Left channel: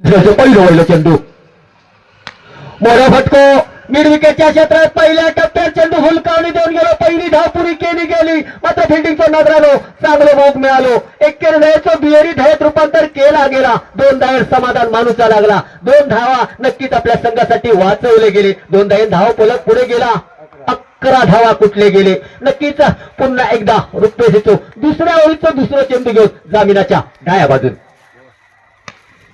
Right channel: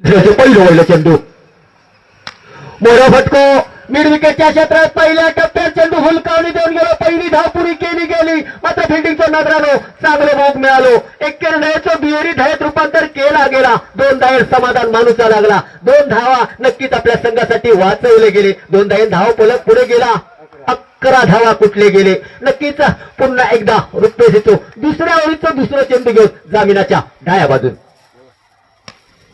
दुसऱ्याचं पहिलं वळलं चेंडू. मोरा फटको मिड क्षेत्रात पहिल्या टप्प्यात चेंडू हुलकावणी देऊन गेलो. पहिली धाव पुरी केली गेली. मात्र फिल्डिंगचा नजर आलो चांगलं मोग मिळालो. एक ढयेचं बिहेरी धायत रूपांतर केला गेला. दोन धायर समाधान माणूसा लागला. दोन धावा नक्कीच आपल्या संघासाठी वाचवले गेले. दोन धावे धाव पलक पुढे गेला. अकरा धावा कुठले गेले? नक्कीच पुन्हा एकदा रुपये देतो. दुसऱ्या ओळीचं दुसरं चेंडू घेऊन जामिनाच्या डाया बाजून.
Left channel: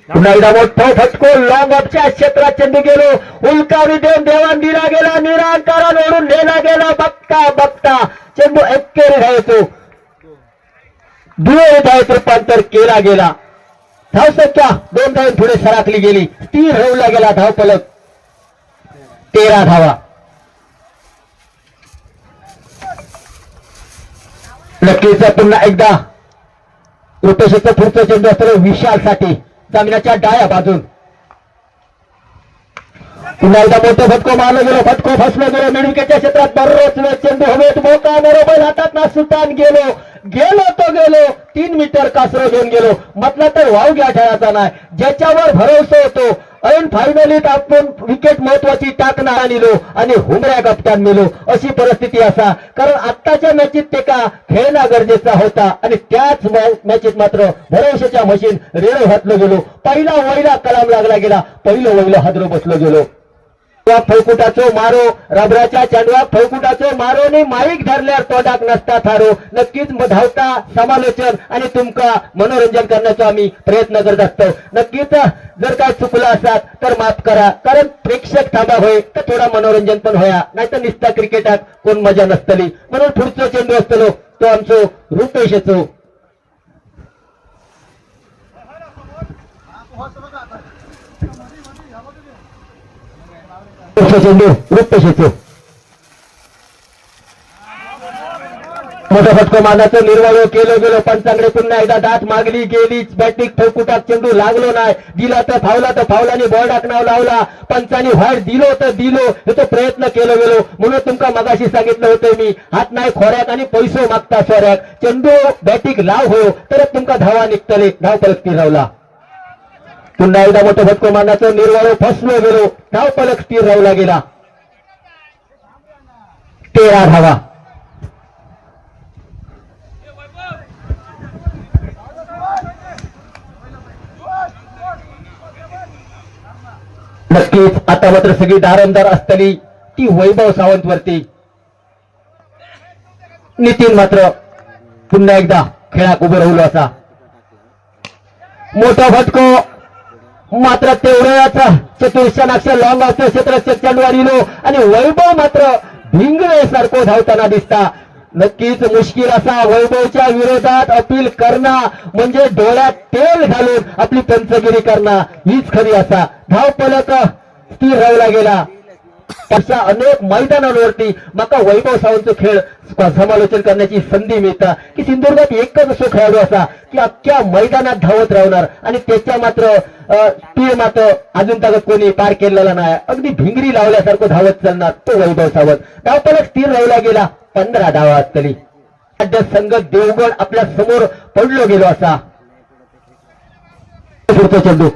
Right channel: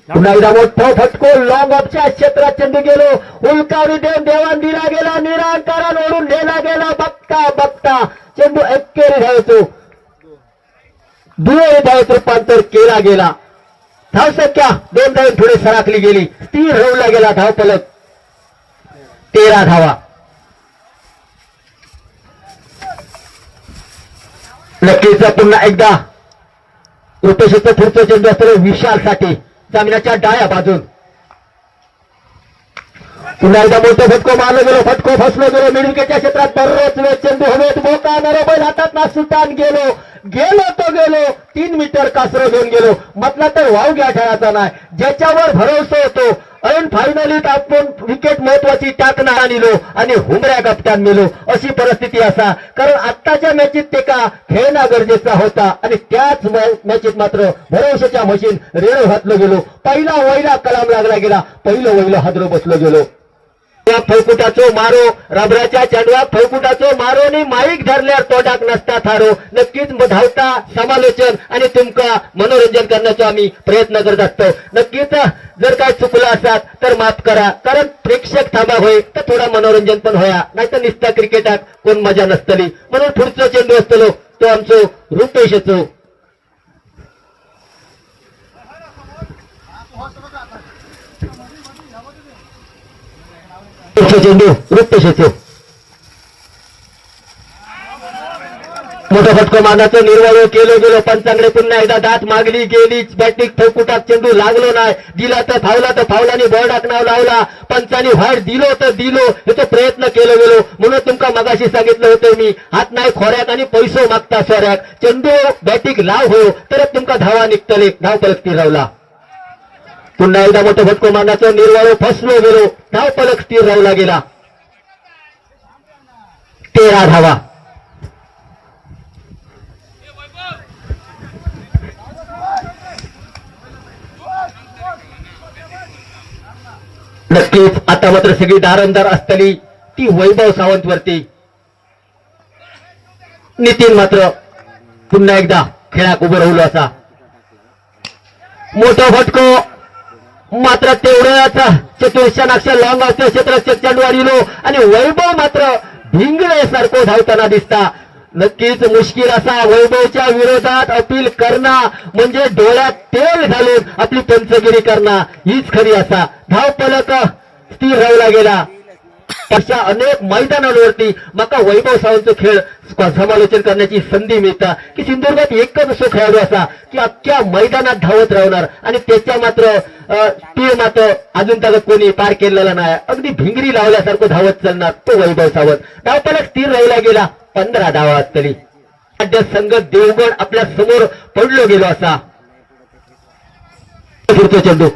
पुन्हा एकदा मोठं फटको लॉंग ऑफच्या क्षेत्रात चेंडू गेलो. उलकावरी देऊन देवान दिला गेला. निरांकारण ओढून नेला गेला. बघता बघता चेंडू एक्केरी धावतो. दुहेरी धावत रूपांतर केला गेला. धाव संख्या दोन धाव थोडे सराकली गेली. स्थिर होऊला गेला धाव पलक तेरा धावा. नक्कीच पुन्हा एकदा. रुपेशचं पुढचं चेंडू असतो विशाल साठी जमिनाच्या डाया बाजून. पुन्हा एकदा मोठं फटको मारलं गेलो फटको फसलो गेलो. मिडविकेटच्या क्षेत्रात बरोच वेळ चेंडू हवेत मोका बरोबर हातात ना सुलतान गेलो. गेलो तो गेलो तीन मीटर कासरं घेऊन गेलो. म्हटलं तर वाव घ्या खेळाचा नाही. ज्याच्यावर भरोसा होतो ऐन फायनलीत आपण विकेट महत्वाची टाकणार निलो आणि हुमऱ्या गपट्यान नेलो अशी परिस्थिती असा. कारण आत्ताच्या मॅचीत ते का खेळणं गरजेचा होता. आणि त्याच मॅचीत मात्र भरोशाच्या मशीन रेणू घातलो गेलो. पहिला वैला कलाम लागला गेला. पहिलं वैलं हादरो बसलो गेलो. फौकुटाचो मारो रबराच्या चंडवा फौकुटाचो मारो आणि माईक धरल्यावर तोडाक नसता थारो. नक्कीच धावता समालोचन आणि तुमका मनोरंजन करण्याचा आम्ही प्रयत्न करत असतो. नक्कीच जर काय चुकलं असतात तर माफ करा. कारण प्रेक्षक थांबा होय तर थोडा मनोरंजन पण होया. नाहीतर निस्ता क्रिकेटात कोण मजा नसतली. म्हणून पुढचं चेंडू असतलो तो आमचो रुपेशचो. चेंडू रुपेशचो मोठा फटको मानाचं निर्वाह केलं गेलं पंचांकडे पुन्हा एकदा दात मागली गेली बॅटिंग ठोकुटाक चेंडू लागलो नाही. दिला तर फावला तर फावलानी बॉल टाकणार लावला. पंचानी व्हाईट दिलो तर दिलो. हे प्रयत्न केलो गेलो. म्हणून तुमका मगाशी सांगितलं होतं मी हात नाही खोऱ्याक आणि पैसो मागता सोऱ्यात चेंडू बॅटिंग लाव हो तरच तुमका धावा निघतले. धाव परत लावला रावला पुन्हा एकदा मोठं फटको मारण्याचं निर्वाळो फसलो गेलो. धाव पलक स्थिर राहला गेला. तेरा धावा. नक्कीच आता मात्र सगळी दारंदार असतली ती वैभव सावंत वरती. नितीन मात्र पुन्हा एकदा खेळात उभं राहिलो असा. मोठा फटको मात्र तेवढ्याच चतुर्शनाक्ष लॉंग असते क्षेत्र चंडवाडीलो आणि वैभव मात्र भिंगळे सारखं धावताना दिसता. नक्कीच मुश्किल असा वैभवच्या विरोधात अपील करणं म्हणजे डोळ्यात तेल घालून आपली पंचगिरी करणं हीच खरी असा. धाव पलक स्थिर राहिला गेला अशा अनेक मैदानांवरती माका वैभव सावंतचं खेळ समालोचन करण्याची संधी मिळता. की सिंधुदुर्गात एकच असो खेळाडू असा की अख्ख्या मैदानात धावत राहणार आणि त्याच्या मात्र ते मात्र अजून त्याला कोणी पार केलेला नाही. अगदी भिंगरी लावल्यासारखं धावत चालणार तो वैभव सावंत. धावपलक स्थिर राहिला गेला पंधरा धावा असतली संघ देवगड आपल्यासमोर पडलो गेलो असा. पुढचा चेंडू.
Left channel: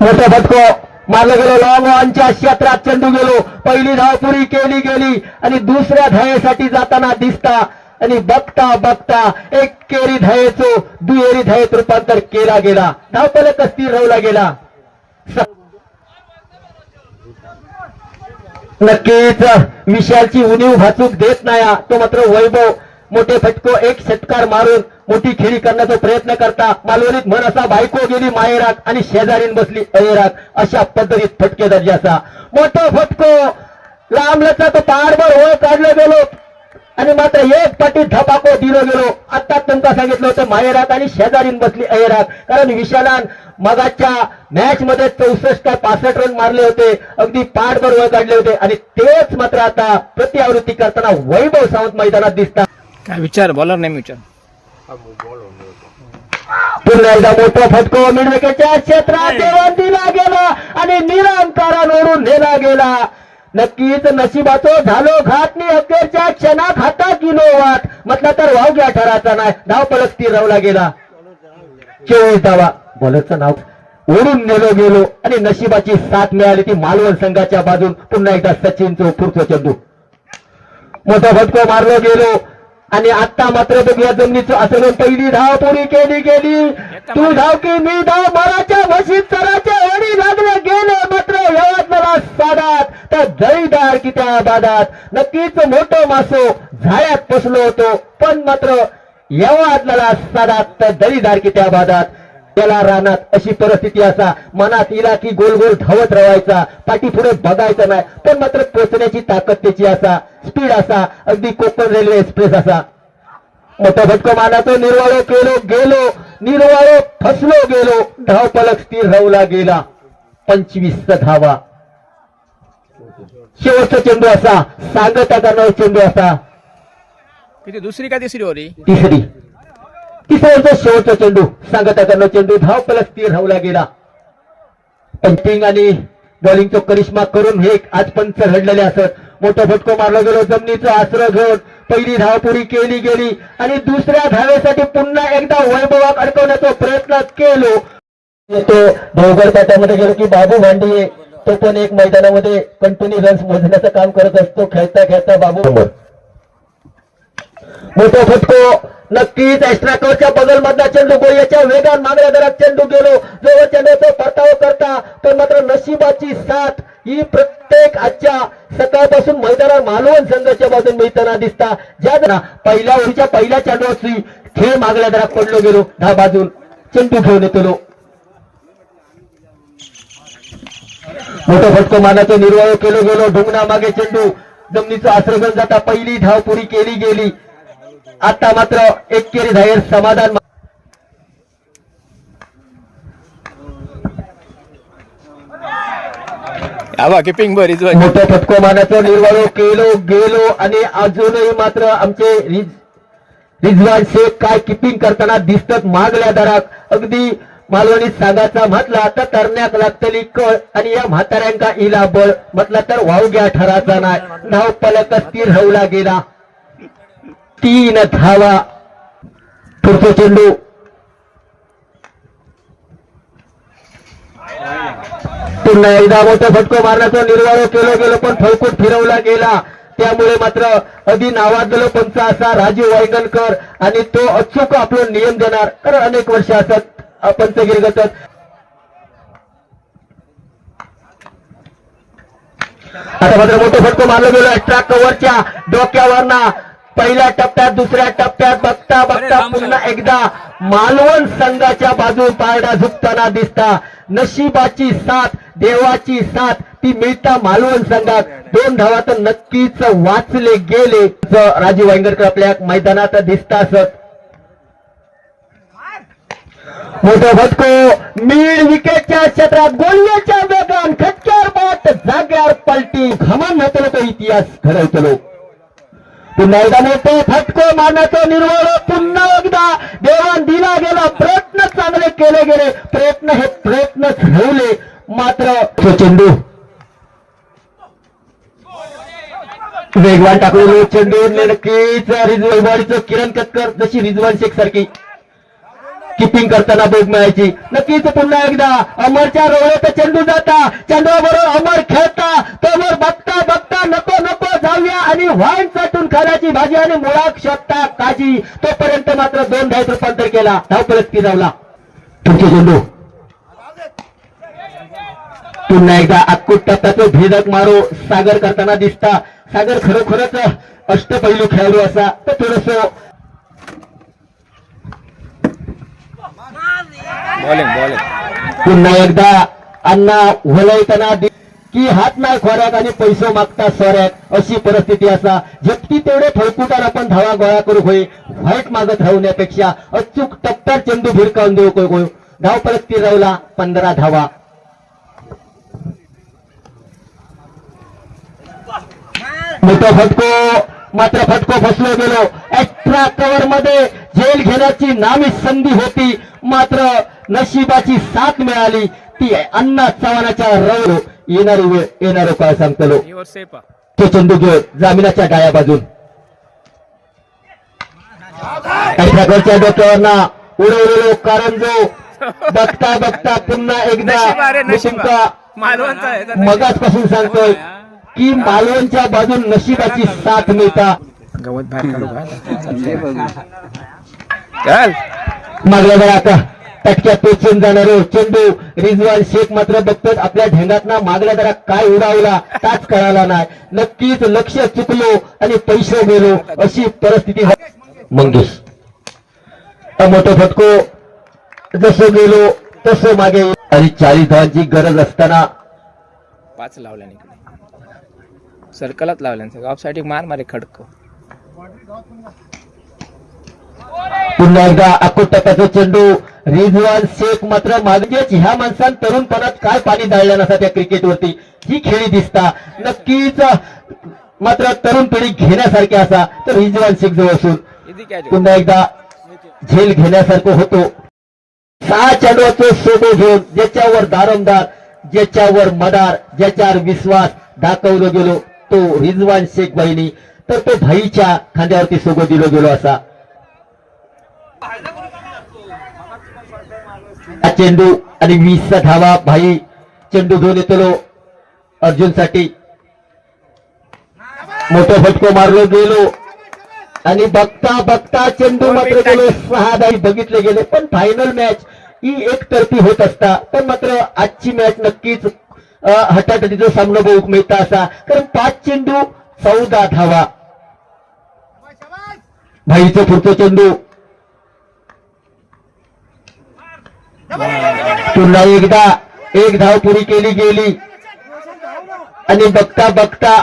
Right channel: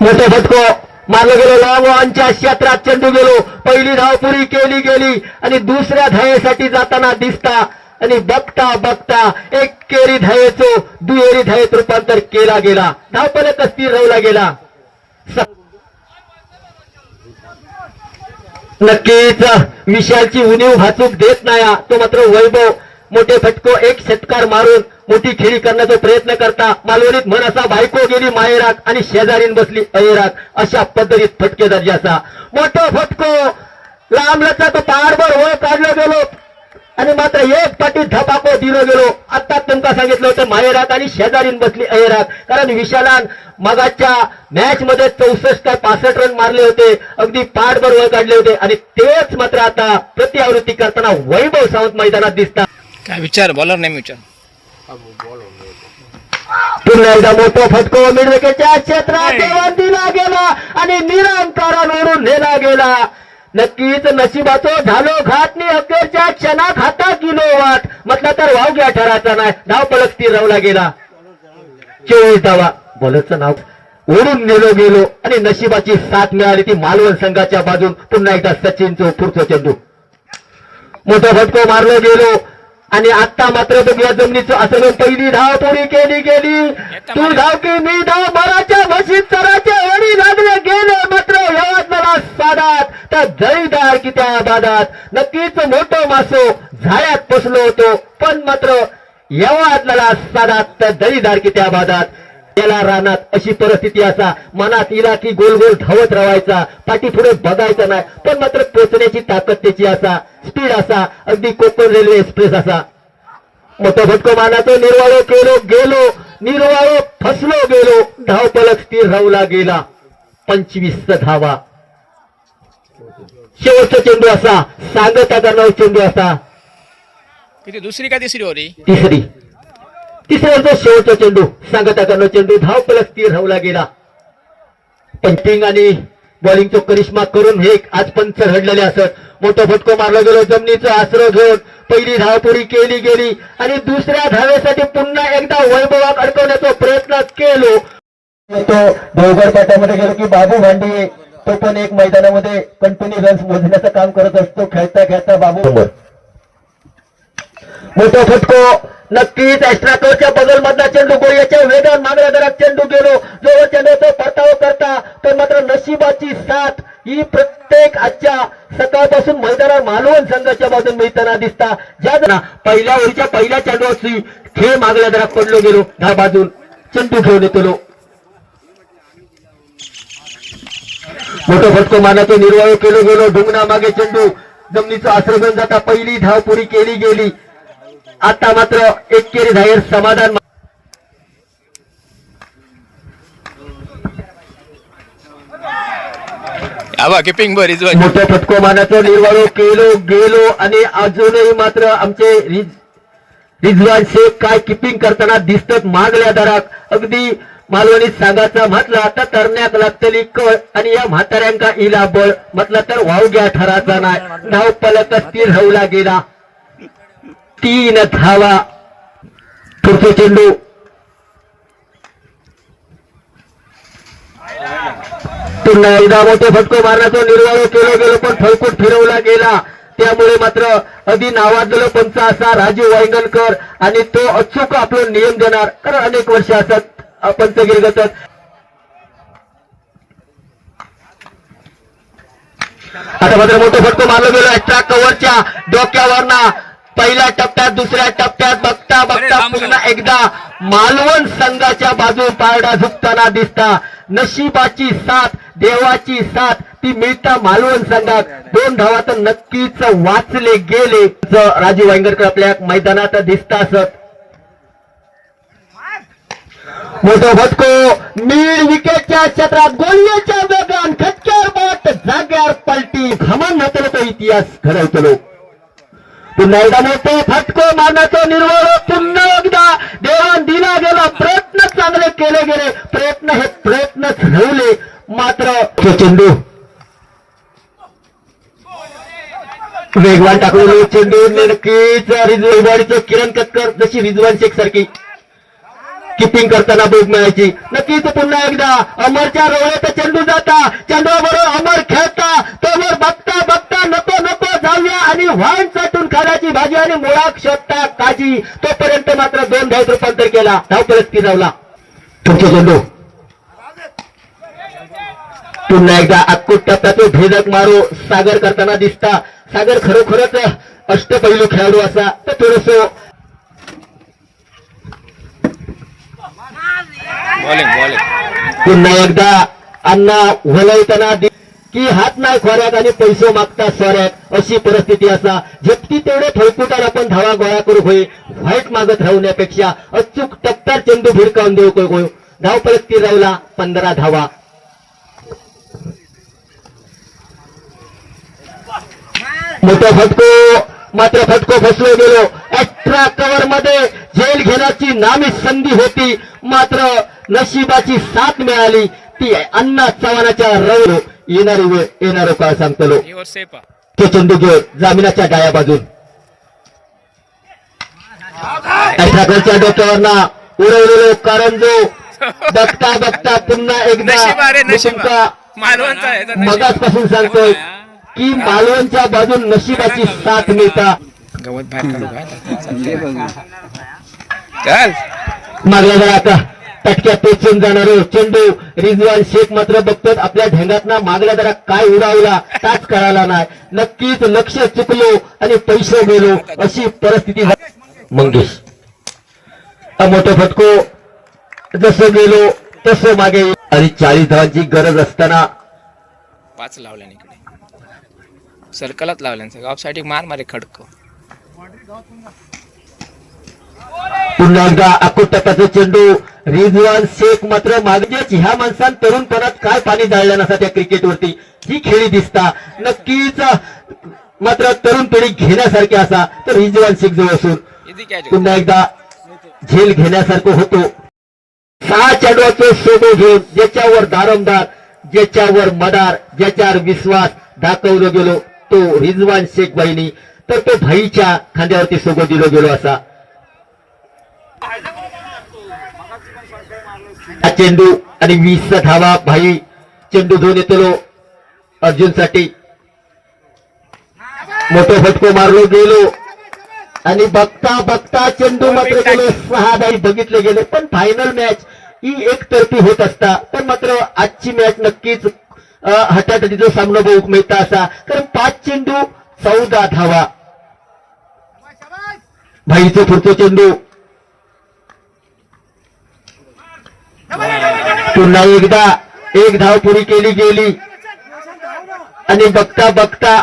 मोठा फटको मारलं गेलो. लांबच्या क्षेत्रात चेंडू गेलो. पहिली धाव पुरी केली गेली आणि दुसऱ्या धायेसाठी जाताना दिसता आणि बघता बघता एक केरी धायेचो दुहेरी धायेत रूपांतर केला गेला. धाव स्थिर राहिला गेला. नक्कीच. विशालची उणीव भाचूक देत नाही तो मात्र वैभव. मोठे फटको एक षटकार मारून मोठी खेळी करण्याचा प्रयत्न करता. मालवणीत म्हण असा बायको गेली माहेरात आणि शेजारीन बसली अयराक अशा पद्धतीत फटके दर्जाचा. मोठा फटको. लांब तो पारभर होय काढला गेलो. आणि मात्र एक पाठी धपाको दिलो गेलो. आता तुमका सांगितलं होतं मायराक आणि शेजारीन बसली अयराक कारण विशालान मगाच्या मॅच मध्ये चौसष्ट काय पासष्ट रन मारले होते. अगदी पाठभर वर काढले होते. आणि तेच मात्र आता प्रतिआवृत्ती करताना वैभव सावंत मैदानात दिसतात. काय विचार? बॉलर नाही विचार. पुन्हा एकदा मोठा फटको. मिडविकेटच्या क्षेत्रात दिला गेला. आणि निरंकारावरून नेला गेला. नक्कीच नशिबाचो झालो घाट नि अखेरच्या क्षणात हातात गेलो वाट. म्हटलं तर वाव घ्या ठराचा नाही धाव पलक ती राहला गेला. चोवीस धावा बॉलरचं नाव ओढून नेलो गेलो आणि नशिबाची साथ मिळाली ती मालवण संघाच्या बाजून. पुन्हा एकदा सचिन पुढचं चेंडू. मोठा फटको मारलो गेलो. आणि आता मात्र बघूया जमिनीचं असं पहिली धाव पुरी केली गेली. तू धाव की मी धाव मराच्या म्हशीत सराच्या वडी लागले गेले मात्र. यवतमाळा सादात त्या जळीदार की त्या बादात नक्कीच मोठं मासो झाड्यात बसलो होतो पण मात्र यवतमाळा सादात त्या जळीदार की त्या बादात. त्याला रानात अशी परिस्थिती असा मनात इला की गोल गोल धावत राहायचा पाठी पुढे बघायचं नाही पण मात्र पोचण्याची ताकद त्याची असा स्पीड असा अगदी कोकण रेल्वे एक्सप्रेस असा. मोठा फटको मानातो निर्वाळो केलो गेलो निर्वाळो फसलो गेलो धाव पलक स्थिर राहूला गेला. पंचवीस धावा. शेवटचा चेंडू असा सांगता का नऊ चेंडू असा. दुसरी का तिसरी होती तिसरी. तिसऱ्यांचा शेवटचा चेंडू. सांगता करणं चेंडू धाव प्लस स्थिर राहूला गेला पंचिंग आणि बॉलिंगचा करिश्मा करून हे आज पंच घडलेले असत मोठा फटको मारला गेलो जमिनीचं आसरं घेऊन पहिली धावपुरी केली गेली. आणि दुसऱ्या धावेसाठी पुन्हा एकदा वैभवात अडकवण्याचा प्रयत्न केलो. तो देवगड पाट्यामध्ये गेलो की बाबू भांडे तो पण एक मैदानामध्ये कंटिन्यू रन्स मोजण्याचं काम करत असतो. खेळता खेळता बाबू. मोठा फटको नक्कीच एक्स्ट्रा बगल मधला चेंडू गोळीच्या वेगात मागल्या दरात चेंडू गेलो. जो चेंडूचा परतावा करता तर मात्र नशिबाची साथ. ही प्रत्येक आजच्या सकाळपासून मैदानात मालवण संघाच्या बाजून मिळताना दिसता. ज्या पहिल्या वेळीच्या पहिल्या चेंडूची खेळ मागल्या दरात पडलो गेलो. दहा बाजून चेंडू घेऊन येतो मोठं फटको मानाचे निर्वाह केले गेलो. ढुंगणा मागे चेंडू. जमिनीचं आश्रमण जाता पहिली धावपुरी केली गेली. आता मात्र एक केरी जाहीर समाधान किपिंग मोठ्या फटको मानाचं निर्वाह केलो गेलो आणि अजूनही मात्र आमचे रिज रिजवान शेख काय किपिंग करताना दिसतात मागल्या दरात. अगदी मालवणी सांगाचा म्हटला तर तरण्याक लागतली कळ आणि या म्हाताऱ्यांका इला बळ म्हटलं तर वावग्या ठराचा नाही. धाव पलक स्थिर राहूला गेला तीन धावा पुढचे चेंडू. पुन्हा एकदा मोठं फटको मारण्याचा निर्वाह केला गेलं पण फळकूट फिरवला गेला. त्यामुळे मात्र अधी नावाजलेलं पंच असा राजीव वायगणकर आणि तो अचूक आपलं नियम देणार. कारण अनेक वर्ष असत पंचगिरी गतत आता मात्र मोठं फटको मारलं गेलं. एक्स्ट्रा कव्हरच्या डोक्यावरना पहिल्या टप्प्यात दुसऱ्या टप्प्यात बघता बघता पुन्हा एकदा मालवण संघाच्या बाजू पारडा झुकताना दिसता. नशिबाची साथ देवाची साथ ती मिळता मालवण संघात. दोन धावा तर नक्कीच वाचले गेले. राजीव वांगरकर आपल्या मैदानात दिसता असत मोठा फटको मीड विकेटच्या क्षेत्रात गोलण्याच्या वेगान खटक्यावर बाट जाग्यावर पलटी. भ्रमण होतो इतिहास घडवतो पुन्हा एकदा फटको मारण्याचा निर्वळ पुन्हा एकदा देवान दिला गेला. प्रयत्न चांगले केले गेले. प्रयत्न हे प्रयत्न ठेवले. मात्र चेंडू. वेगवान टाकलेले चेंडू. नक्कीच रिजवाडीचं किरण कक्कर जशी रिजवान शेख सारखी. किपिंग करताना बोग मिळायची. नक्कीच पुन्हा एकदा अमरच्या रवळ्याचा चेंडू जाता. चेंडूबरोबर अमर खेळता. तोवर बघता बघता नको नको. जाऊया आणि व्हाईन चाटून खाण्याची भाजी आणि मुळाक शोधता काजी तोपर्यंत मात्र दोन धावत रूपांतर केला. धाव परत लावला पुढचे चेंडू पुन्हा एकदा अक्कूट टप्प्यात भेदक मारो सागर करताना दिसता. सागर खरोखरच अष्टपैलू खेळाडू असा. तर थोडस बॉलिंग बॉलिंग पुन्हा एकदा अण्णा वलयताना की हात नाही खोऱ्यात आणि पैसे मागतात सोऱ्यात अशी परिस्थिती असा. झपटी तेवढे फळकुटार आपण धावा गोळा करू होय. व्हाईट मागत राहण्यापेक्षा अचूक टप्प्यात चेंडू भिरकावून देऊ को- धाव परत राहिला पंधरा धावा. मोठा फटको मात्र फटको फसलो गेलो. अठरा कवर मध्ये झेल घेण्याची नामी संधी होती. मात्र नशिबाची साथ मिळाली. ती अण्णा चव्हाणाच्या रवलो येणारी वेळ येणारं काळ सांगतलो. तो चेंडू घेऊ जामिनाच्या डाया बाजून ठाकरच्या डोक्यावरना उडवलेलो कारण जो बघता बघता पुन्हा एकदा नशीब अरे मी नशीब तुमचा मालवणचा आहे तर नशीब. मगाचपासून सांगतोय की मालवणच्या बाजून नशिबाची साथ मिळता. गवत मागल्या जरा आता. टक्क्या पेचून जाणारे चेंडू रिजवान शेख मात्र बघतात आपल्या ढेंगातना मागला जरा काय उडावला ताच कळाला नाही. नक्कीच लक्ष चुकलो आणि पैसे गेलो अशी परिस्थिती मंगेश मोठं फटको जसं गेलो तसं मागे आणि चाळीस धावांची गरज असताना पाच लावल्या इकडे सर्कलात लावल्या ऑफ मार मारे खडक. पुन्हा एकदा अकोटकाचा चेंडू. रिजवान शेख मात्र मागेच. ह्या माणसानं तरुणपणात काय पाणी जाळलं नसा त्या क्रिकेटवरती? ही खेळी दिसता. नक्कीच मात्र तरुण पिढी घेण्यासारखी असा तर रिजवान शेख जवळ असून. पुन्हा एकदा झेल घेण्यासारखं होतो. सहा चेंडूचे सोडू घेऊन ज्याच्यावर दारमदार ज्याच्यावर मदार ज्याच्यावर विश्वास दाखवलं गेलो तो रिजवान शेख बहिणी तर तो भाईच्या खांद्यावरती सोबत दिलो गेलो असा हा चेंडू आणि वीसचा धावा भाई चेंडू घेऊन येतो अर्जुनसाठी मोठं फटको मारलो गेलो. आणि बघता बघता चेंडू मात्र गेलो. सहा बाई बघितले गेले पण फायनल मॅच ही एकतर्फी होत असता. तर मात्र आजची मॅच नक्कीच हटाटटीचा सामना बघू मिळता असा. कारण पाच चेंडू चौदा धावा. भाईचं पुढचं चेंडू. पुन्हा एकदा एक धाव पुरी केली गेली. आणि बघता बघता.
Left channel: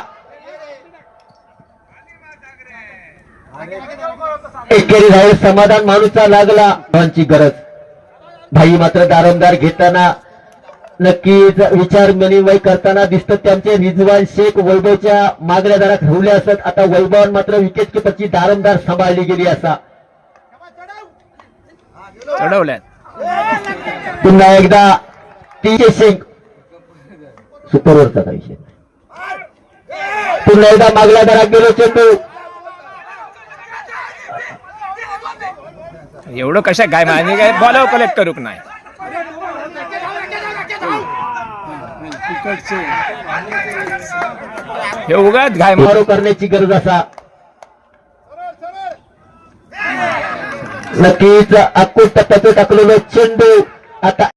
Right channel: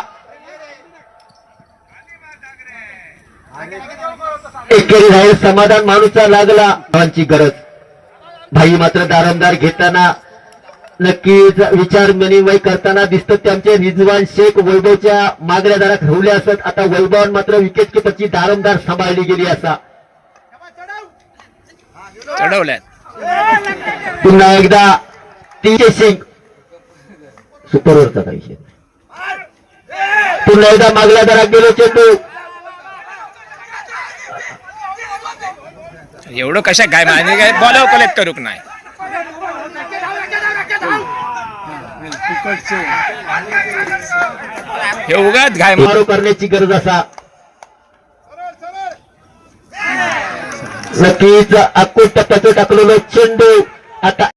एकेरी बाहेर समाधान माणूसचा लागला. धावांची गरज. भाई मात्र दारमदार घेताना नक्कीच विचार मनिमय करताना दिसत त्यांचे. रिजवान शेख वैभवच्या मागल्या दारात ठेवले असत. आता वैभवान मात्र विकेट किपरची दारमदार सांभाळली गेली असा. चढवल्यात. पुन्हा एकदा टीके सिंग. सुपरवरचा पाहिजे पुन्हा एकदा मागल्या दारात गेलो चेंडू. एवढं कशा काय माझे काय बॉल कलेक्ट करूक नाही? हे उगाच घाय मारो करण्याची गरज असा. नक्कीच अक्कोट टप्प्याचं टाकलेलं चेंडू आता